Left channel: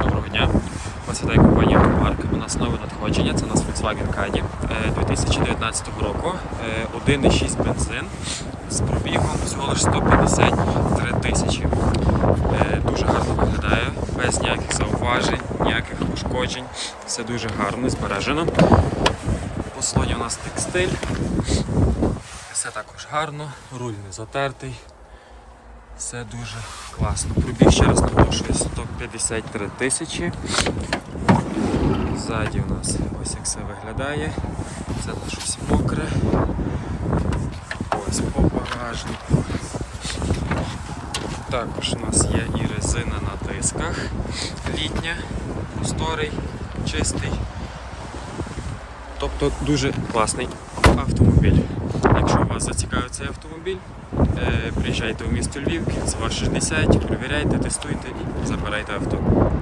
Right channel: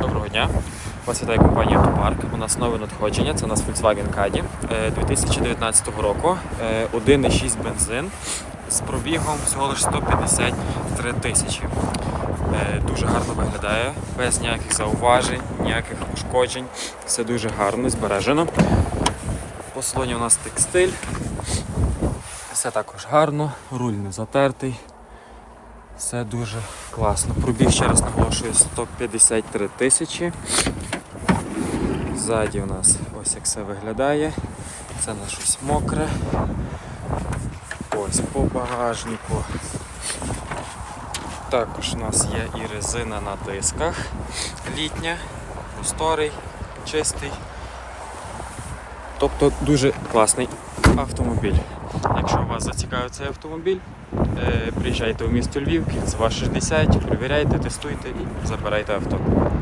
Доброго дня. Вас вітає компанія Автопарк. У нас нове надходження. Це у нас Volkswagen Caddy е, 2019 року. Е, 1,6 бензин з пробігом всього лише 153 тисячі. Е, Дуже гарно виглядає, без ніяких зауважень, ніяких пошкоджень. Все дуже гарно, збережено. По салоні у нас текстиль. Все також гарно, руль не затертий. Все дуже класно. Пробіг ще раз наголошую 153 тисячі. Ззаді у нас ось як все виглядає. Це на щось мокре. Ось по багажнику. Також у нас є і резина на дисках літня, просторий, чистий. Тобто дуже класний автомобіль. Якщо вас зацікавить цей автомобіль, е, приїжджайте у місто Львів, це ваш 60, перевіряйте, тестуйте і забирайте авто.